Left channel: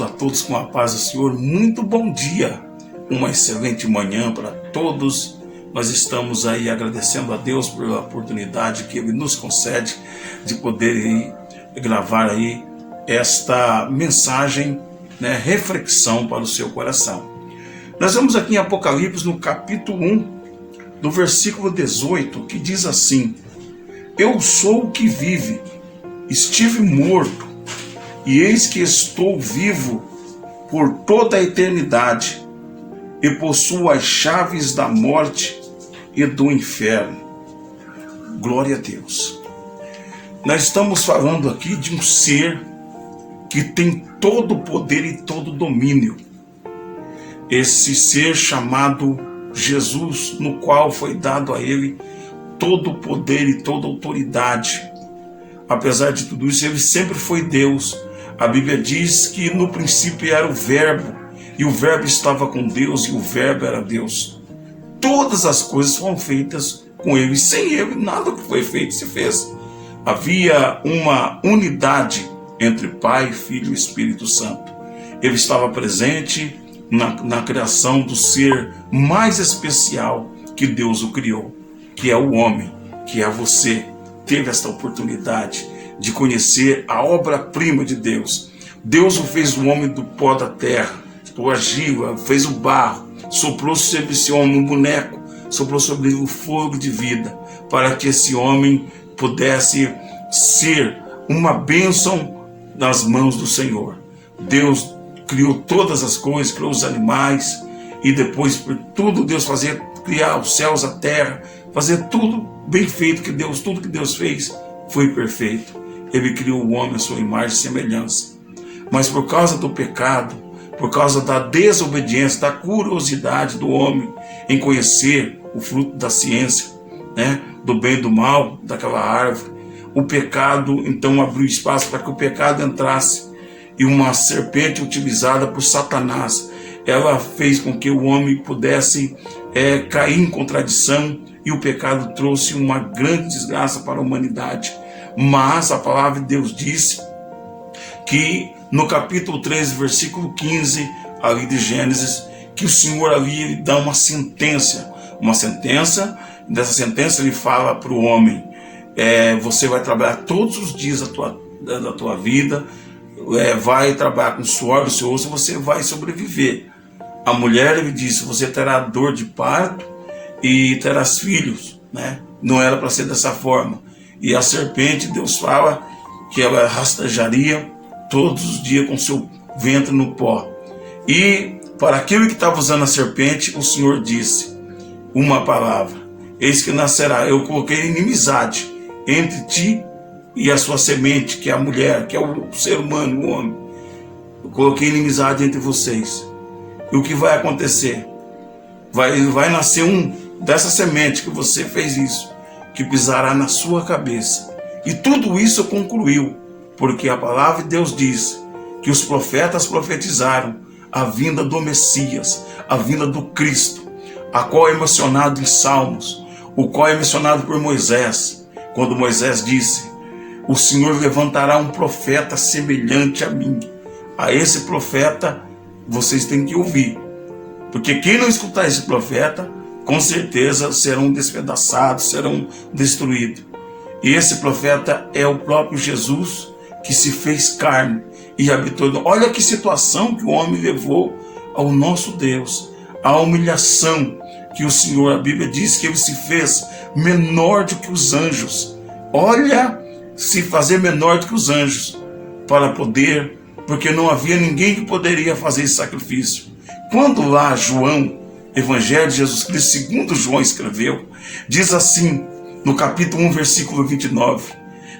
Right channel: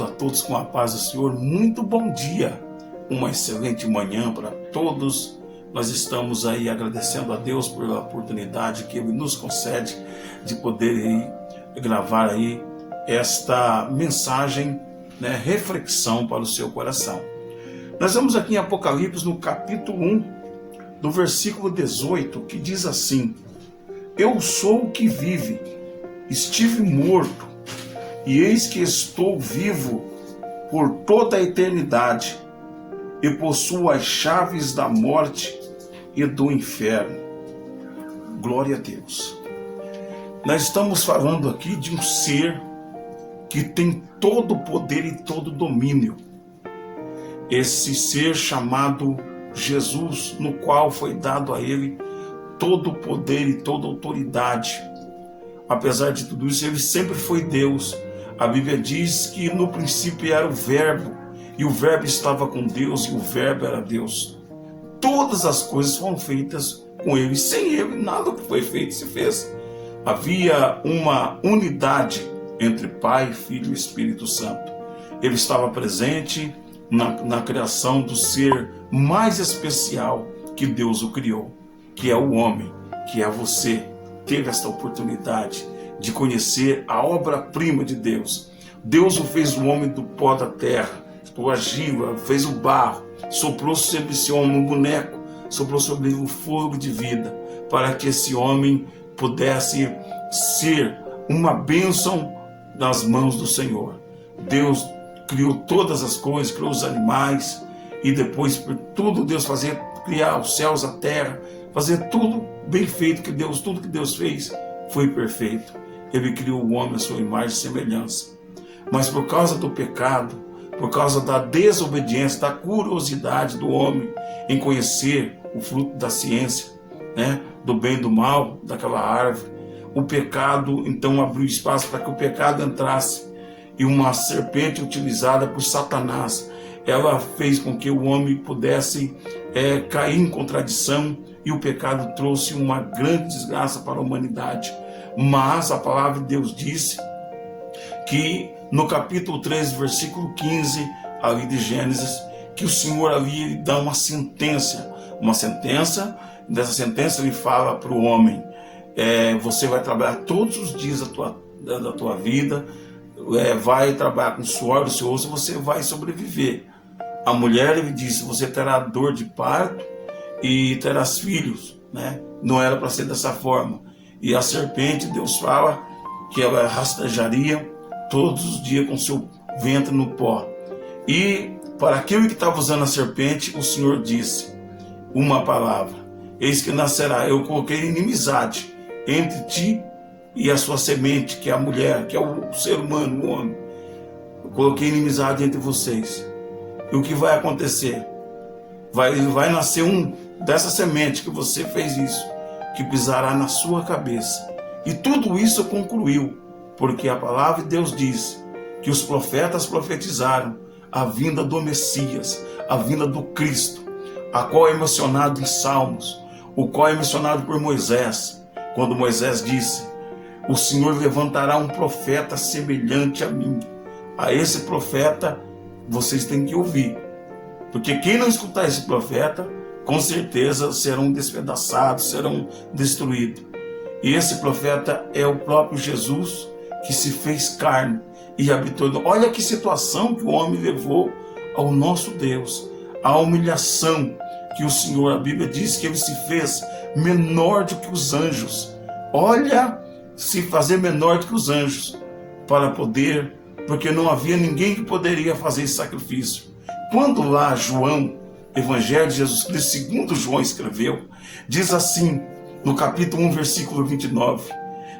Saúdo a todos com a paz do Senhor. Muito bom dia, uma excelente manhã para todos. Nós estamos aí agradecendo a Deus pela oportunidade que Ele nos concede de poder aí gravar aí esta mensagem, reflexão para o seu coração. Nós vamos aqui em Apocalipse no capítulo 1, no versículo 18, que diz assim: Eu sou o que vive, estive morto, e eis que estou vivo por toda a eternidade, e possuo as chaves da morte e do inferno. Glória a Deus. Nós estamos falando aqui de um ser que tem todo o poder e todo o domínio. Esse ser chamado Jesus, no qual foi dado a ele todo o poder e toda a autoridade. Apesar de tudo isso, ele sempre foi Deus. A Bíblia diz que no princípio era o Verbo, e o Verbo estava com Deus, e o Verbo era Deus. Todas as coisas foram feitas com ele, sem ele nada que foi feito se fez. Havia uma unidade entre Pai, Filho e Espírito Santo. Ele estava presente na criação do ser mais especial que Deus o criou, que é o homem, que é você. Teve esta oportunidade de conhecer a obra-prima de Deus. Deus o fez o homem do pó da terra, o argila, fez o barro, soprou sobre esse homem um boneco, soprou sobre ele o fogo de vida, para que esse homem pudesse ser uma bênção nas mãos do Senhor. Deus criou todas as coisas, criou os animais, e depois por tudo Deus fazia, criar os céus, a terra, fazer tudo bem feito, tudo que Deus fez foi perfeito. Ele criou o homem à sua imagem e semelhança. Mas por causa do pecado, por causa da desobediência, da curiosidade do homem em conhecer o fruto da ciência, do bem e do mal, daquela árvore, o pecado então abriu espaço para que o pecado entrasse. E uma serpente utilizada por Satanás, ela fez com que o homem pudesse cair em contradição, e o pecado trouxe uma grande desgraça para a humanidade. Mas a palavra de Deus disse que no capítulo 13, versículo 15, ali de Gênesis, que o Senhor ali ele dá uma sentença, dessa sentença ele fala para o homem, você vai trabalhar todos os dias da tua vida, vai trabalhar com suor do seu rosto, você vai sobreviver. A mulher, ele disse, você terá dor de parto e terás filhos, Não era para ser dessa forma. E a serpente, Deus fala que ela rastejaria todos os dias com seu ventre no pó. E para aquele que estava usando a serpente, o Senhor disse uma palavra: eis que nascerá, eu coloquei inimizade entre ti e a sua semente, que é a mulher, que é o ser humano, o homem. Eu coloquei inimizade entre vocês. E o que vai acontecer? Vai nascer um dessa semente que você fez isso, que pisará na sua cabeça. E tudo isso concluiu, porque a palavra de Deus diz que os profetas profetizaram a vinda do Messias, a vinda do Cristo, a qual é mencionado em Salmos, o qual é mencionado por Moisés, quando Moisés disse: o Senhor levantará um profeta semelhante a mim. A esse profeta vocês têm que ouvir, porque quem não escutar esse profeta, com certeza serão despedaçados, serão destruídos. E esse profeta é o próprio Jesus, que se fez carne e habitou. Olha que situação que o homem levou ao nosso Deus, a humilhação que o Senhor, a Bíblia diz que ele se fez menor do que os anjos. Olha, se fazer menor do que os anjos, para poder, porque não havia ninguém que poderia fazer esse sacrifício. Quando lá João, Evangelho de Jesus Cristo, segundo João escreveu, diz assim, no capítulo 1, versículo 29,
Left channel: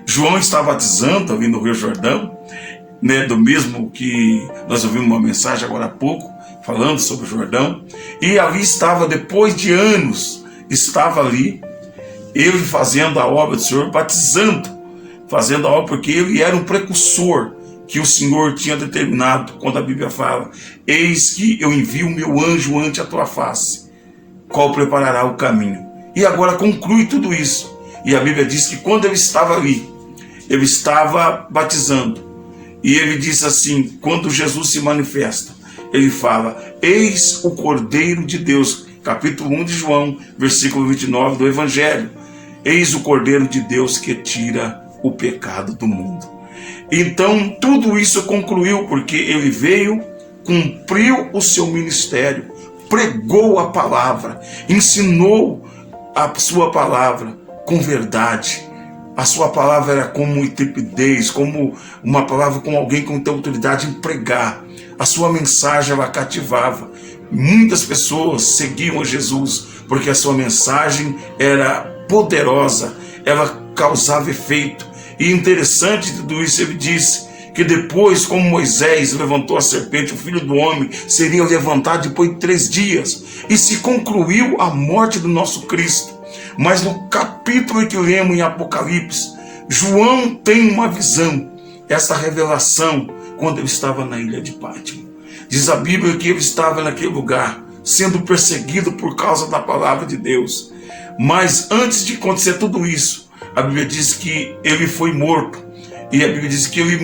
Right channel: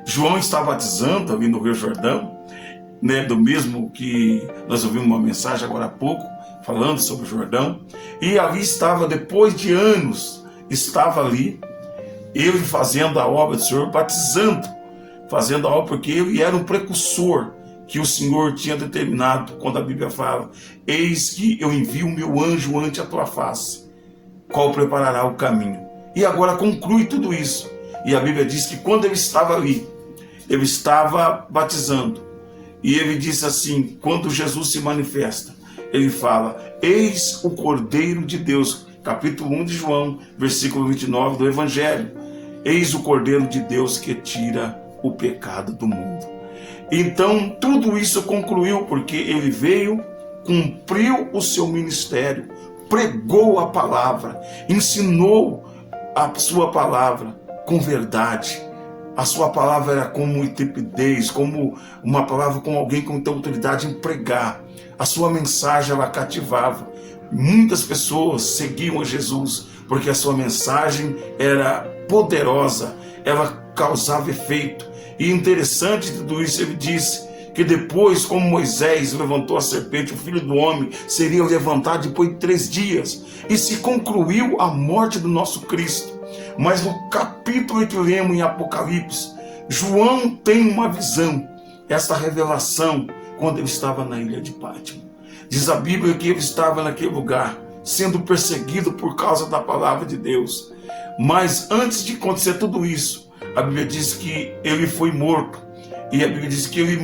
João está batizando ali no Rio Jordão, do mesmo que nós ouvimos uma mensagem agora há pouco, falando sobre o Jordão, e ali estava, depois de anos, estava ali, ele fazendo a obra do Senhor, batizando, fazendo a obra, porque ele era um precursor que o Senhor tinha determinado, quando a Bíblia fala: eis que eu envio o meu anjo ante a tua face, qual preparará o caminho. E agora conclui tudo isso. E a Bíblia diz que quando ele estava ali, ele estava batizando, E ele diz assim, quando Jesus se manifesta, ele fala, eis o Cordeiro de Deus, capítulo 1 de João, versículo 29 do Evangelho. Eis o Cordeiro de Deus que tira o pecado do mundo. Então tudo isso concluiu porque ele veio, cumpriu o seu ministério, pregou a palavra, ensinou a sua palavra com verdade. A sua palavra era como intrepidez, como uma palavra com alguém com autoridade em pregar. A sua mensagem ela cativava. Muitas pessoas seguiam a Jesus porque a sua mensagem era poderosa, ela causava efeito. E interessante de tudo isso, ele disse que depois, como Moisés levantou a serpente, o Filho do Homem seria levantado depois de 3 dias. E se concluiu a morte do nosso Cristo. Mas no capítulo que lemos em Apocalipse, João tem uma visão, essa revelação, quando ele estava na ilha de Pátimo. Diz a Bíblia que ele estava naquele lugar, sendo perseguido por causa da palavra de Deus. Mas antes de acontecer tudo isso, a Bíblia diz que ele foi morto. E a Bíblia diz que ele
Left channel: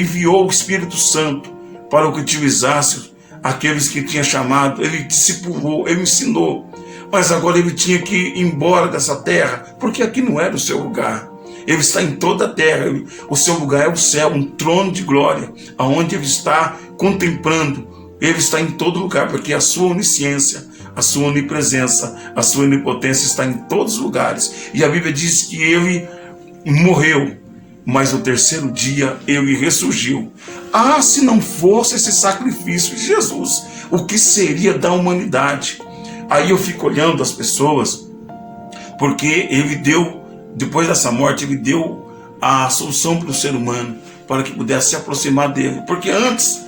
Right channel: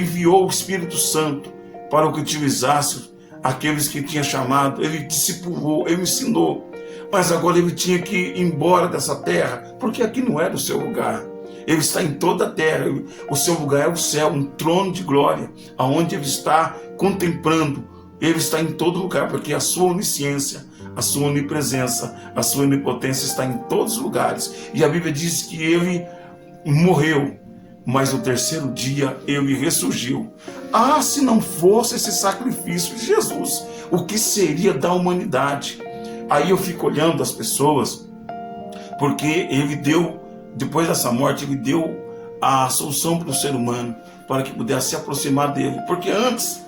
enviou o Espírito Santo para que utilizasse aqueles que tinha chamado. Ele discipulou, ele ensinou. Mas agora ele tinha que ir embora dessa terra, porque aqui não era o seu lugar. Ele está em toda a terra. O seu lugar é o céu, um trono de glória, aonde ele está contemplando. Ele está em todo lugar, porque a sua onisciência, a sua onipresença, a sua onipotência está em todos os lugares. E a Bíblia diz que ele morreu, mas no 3º dia ele ressurgiu. Ah, se não fosse esse sacrifício de Jesus, o que seria da humanidade? Aí eu fico olhando as pessoas, porque ele deu, depois dessa morte, ele deu a solução para o ser humano, para que pudesse se aproximar dele. Porque antes,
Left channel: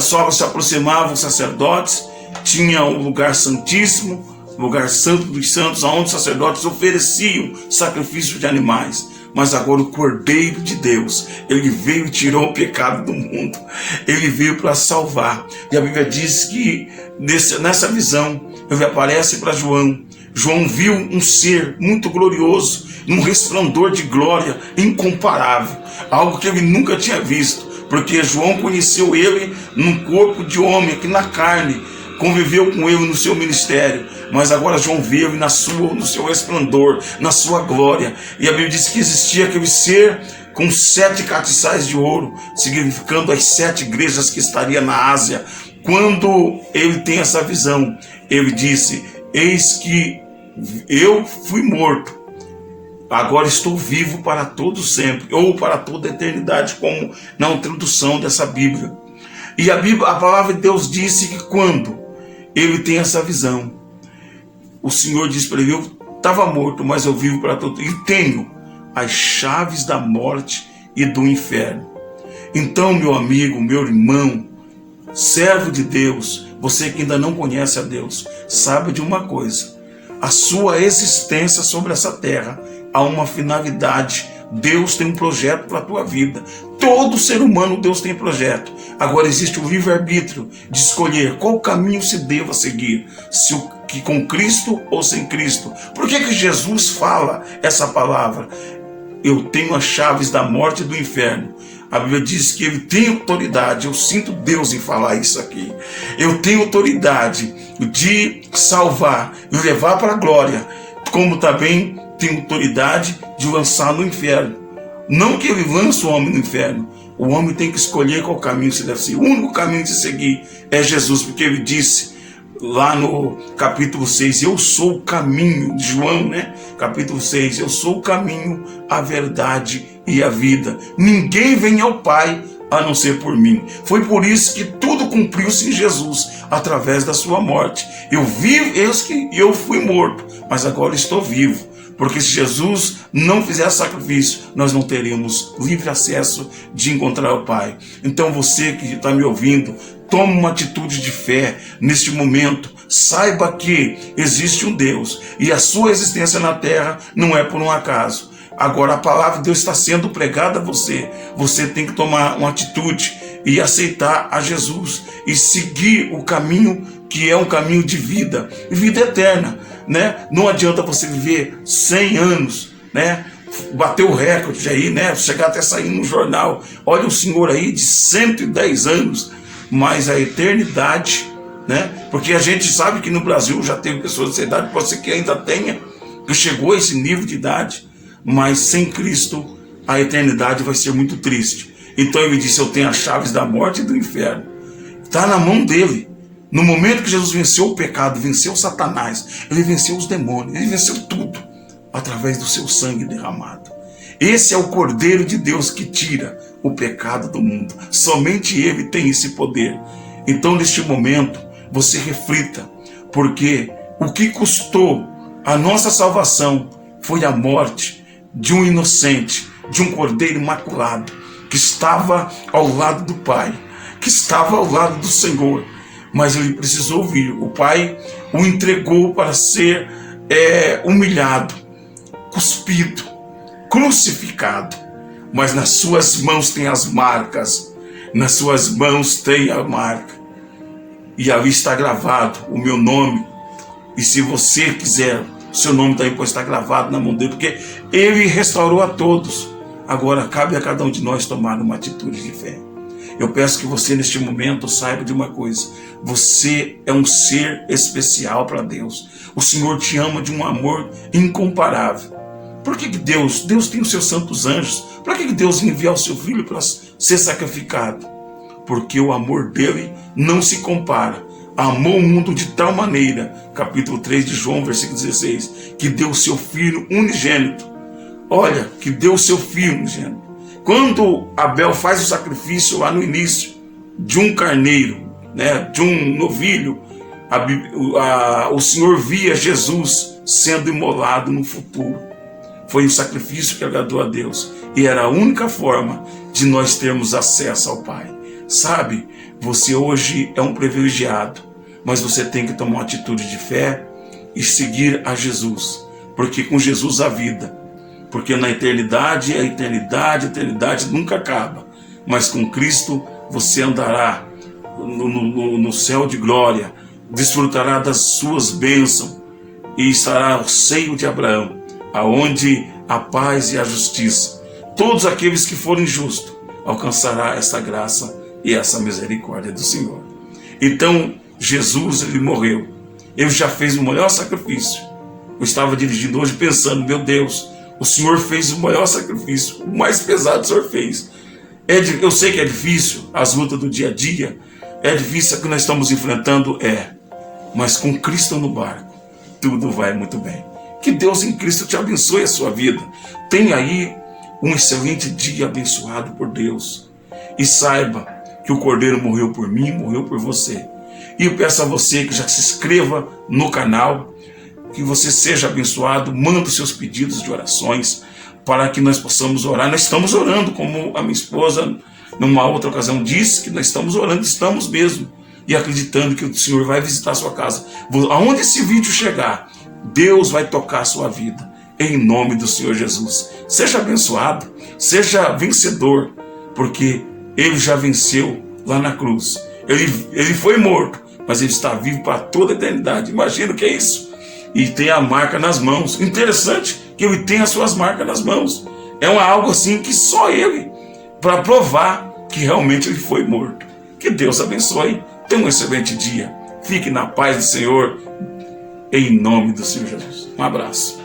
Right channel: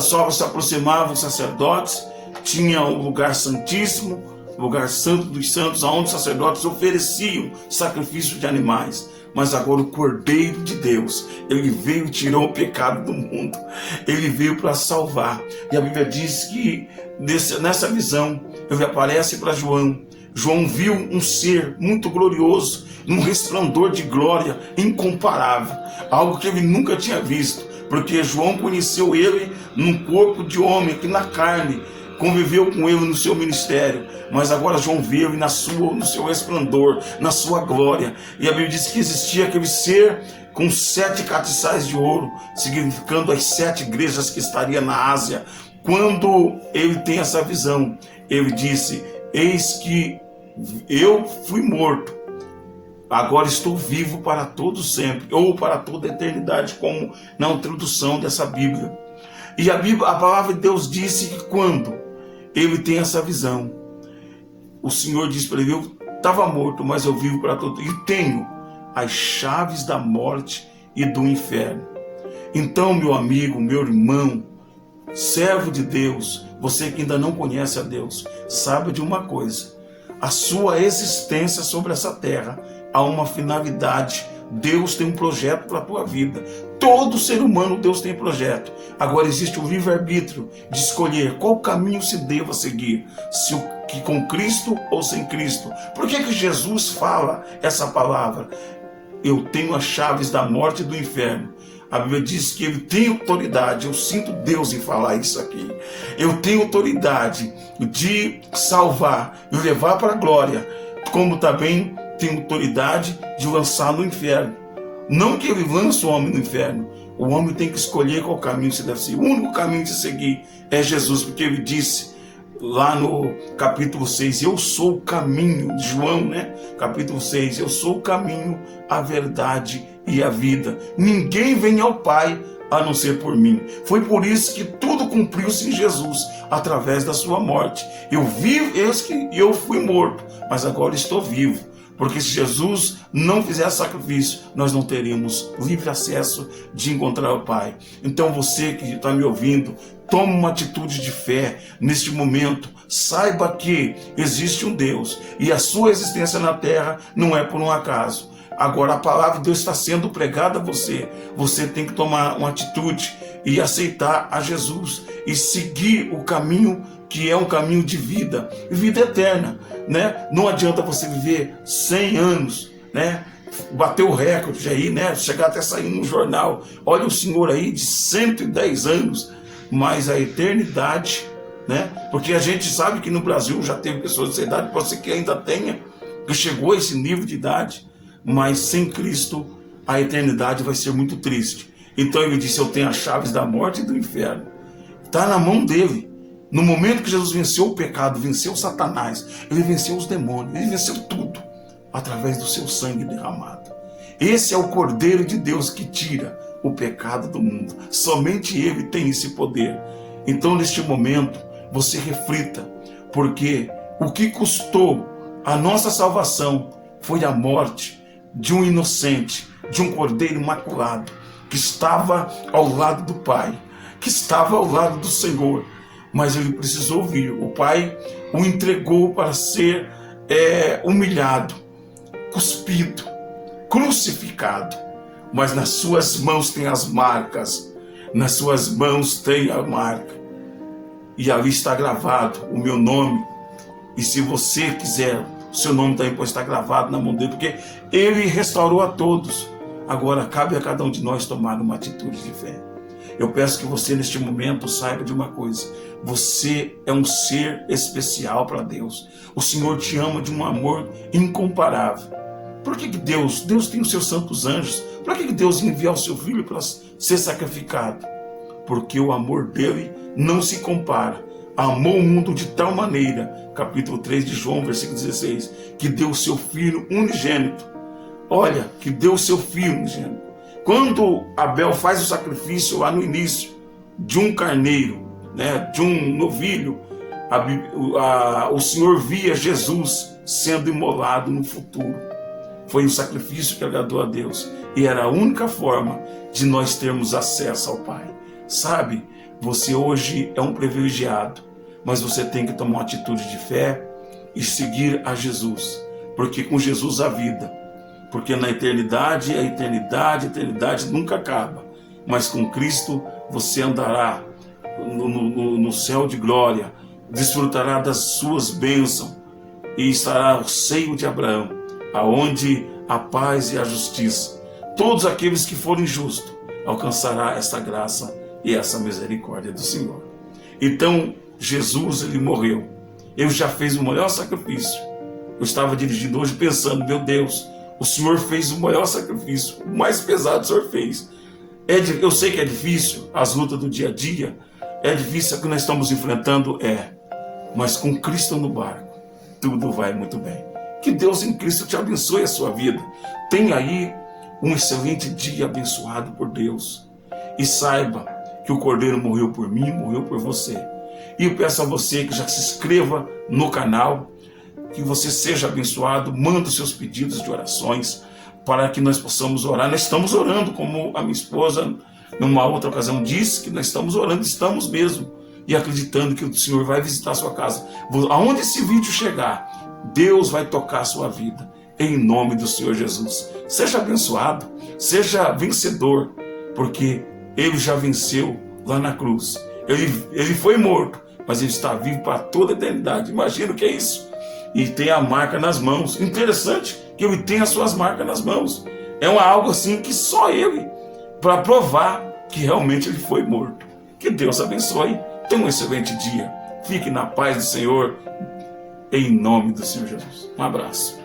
só se aproximavam os sacerdotes, tinha o lugar santíssimo, o lugar santo dos santos, onde os sacerdotes ofereciam sacrifício de animais. Mas agora o Cordeiro de Deus, ele veio e tirou o pecado do mundo. Ele veio para salvar. E a Bíblia diz que nessa visão, ele aparece para João. João viu um ser muito glorioso, num resplendor de glória incomparável. Algo que ele nunca tinha visto. Porque João conheceu ele num corpo de homem, aqui na carne. Conviveu com ele no seu ministério, mas agora João viu no seu resplendor, na sua glória. E a Bíblia diz que existia aquele ser com 7 castiçais de ouro, significando as 7 igrejas que estaria na Ásia. Quando ele tem essa visão, ele disse, eis que eu fui morto, agora estou vivo para todo sempre, ou para toda a eternidade, como na introdução dessa Bíblia. E a palavra de Deus disse que quando ele tem essa visão, o Senhor diz para ele, eu estava morto, mas eu vivo para todo, e tenho as chaves da morte e do inferno. Então, meu amigo, meu irmão, servo de Deus, você que ainda não conhece a Deus, sabe de uma coisa, a sua existência sobre essa terra há uma finalidade. Deus tem um projeto para a tua vida. Todo ser humano, Deus tem projeto. Agora existe o livre-arbítrio de escolher qual caminho se deva seguir, se que com Cristo ou sem Cristo. Por que Jesus fala essa palavra? Eu tenho as chaves da morte e do inferno. A Bíblia diz que ele tem autoridade. Eu sinto Deus em falar isso aqui. Eu tenho autoridade de salvar e levar para a glória, como também tem autoridade de lançar no inferno. Não que ele lance o homem no inferno. O homem tem que escolher qual caminho se deve seguir. O único caminho de seguir é Jesus, porque ele disse lá no capítulo 6, eu sou o caminho, de João, né? Capítulo 6, eu sou o caminho, a verdade e a vida. Ninguém vem ao Pai a não ser por mim. Foi por isso que tudo cumpriu-se em Jesus, através da sua morte. Eu vivo, eu fui morto, mas agora estou vivo. Porque se Jesus não fizesse sacrifício, nós não teríamos livre acesso de encontrar o Pai. Então você que está me ouvindo, tome uma atitude de fé neste momento. Saiba que existe um Deus e a sua existência na terra não é por um acaso. Agora a palavra de Deus está sendo pregada a você. Você tem que tomar uma atitude e aceitar a Jesus e seguir o caminho que é um caminho de vida, vida eterna, né? Não adianta você viver 100 anos, né? bateu o recorde aí, né? Chegar até sair no jornal. Olha o senhor aí de 110 anos, mas a eternidade, né? Porque a gente sabe que no Brasil já tem pessoas dessa idade, pode ser que ainda tenha, que chegou a esse nível de idade, mas sem Cristo a eternidade vai ser muito triste. Então ele disse: eu tenho as chaves da morte e do inferno. Está na mão dele. No momento que Jesus venceu o pecado, venceu Satanás, ele venceu os demônios, ele venceu tudo, através do seu sangue derramado. Esse é o Cordeiro de Deus que tira o pecado do mundo. Somente ele tem esse poder. Então, neste momento, você reflita, porque o que custou a nossa salvação foi a morte de um inocente, de um Cordeiro imaculado, que estava ao lado do Pai, que estava ao lado do Senhor, mas ele precisou vir. O Pai o entregou para ser humilhado, cuspido, crucificado, mas nas suas mãos tem as marcas, nas suas mãos tem a marca, e ali está gravado o meu nome. E se você quiser, seu nome também pode estar gravado na mão dele, porque ele restaurou a todos. Agora cabe a cada um de nós tomar uma atitude de fé. Eu peço que você neste momento saiba de uma coisa: você é um ser especial para Deus. O Senhor te ama de um amor incomparável. Por que Deus tem os seus santos anjos? Por que Deus enviou o seu filho para ser sacrificado? Porque o amor dele não se compara. Amou o mundo de tal maneira, capítulo 3 de João, versículo 16, que deu o seu filho unigênito. Olha, que deu o seu filho unigênito. Quando Abel faz o sacrifício lá no início de um carneiro, né, de um novilho, o Senhor via Jesus sendo imolado no futuro. Foi um sacrifício que agradou a Deus, e era a única forma de nós termos acesso ao Pai. Sabe, você hoje é um privilegiado, mas você tem que tomar uma atitude de fé e seguir a Jesus, porque com Jesus há vida. Porque na eternidade, a eternidade nunca acaba. Mas com Cristo você andará no céu de glória, desfrutará das suas bênçãos e estará ao seio de Abraão, aonde a paz e a justiça. Todos aqueles que forem justos alcançará essa graça e essa misericórdia do Senhor. Então Jesus, ele morreu. Ele já fez o maior sacrifício. Eu estava dirigindo hoje pensando: meu Deus, o Senhor fez o maior sacrifício, o mais pesado o Senhor fez. Eu sei que é difícil, as lutas do dia a dia, é difícil o que nós estamos enfrentando, mas com Cristo no barco, tudo vai muito bem. Que Deus em Cristo te abençoe a sua vida. Tenha aí um excelente dia abençoado por Deus. E saiba que o Cordeiro morreu por mim, morreu por você. E eu peço a você que já se inscreva no canal, que você seja abençoado, manda os seus pedidos de orações para que nós possamos orar. Nós estamos orando, como a minha esposa numa outra ocasião disse, que nós estamos orando, estamos mesmo, e acreditando que o Senhor vai visitar a sua casa. Aonde esse vídeo chegar, Deus vai tocar a sua vida, em nome do Senhor Jesus. Seja abençoado, seja vencedor, porque ele já venceu lá na cruz. Ele foi morto, mas ele está vivo para toda a eternidade. Imagina o que é isso. E tem a marca nas mãos. Interessante que ele tem as suas marcas nas mãos. É algo assim que só ele, para provar que realmente ele foi morto. Que Deus abençoe. Tenha um excelente dia. Fique na paz do Senhor, em nome do Senhor Jesus. Um abraço.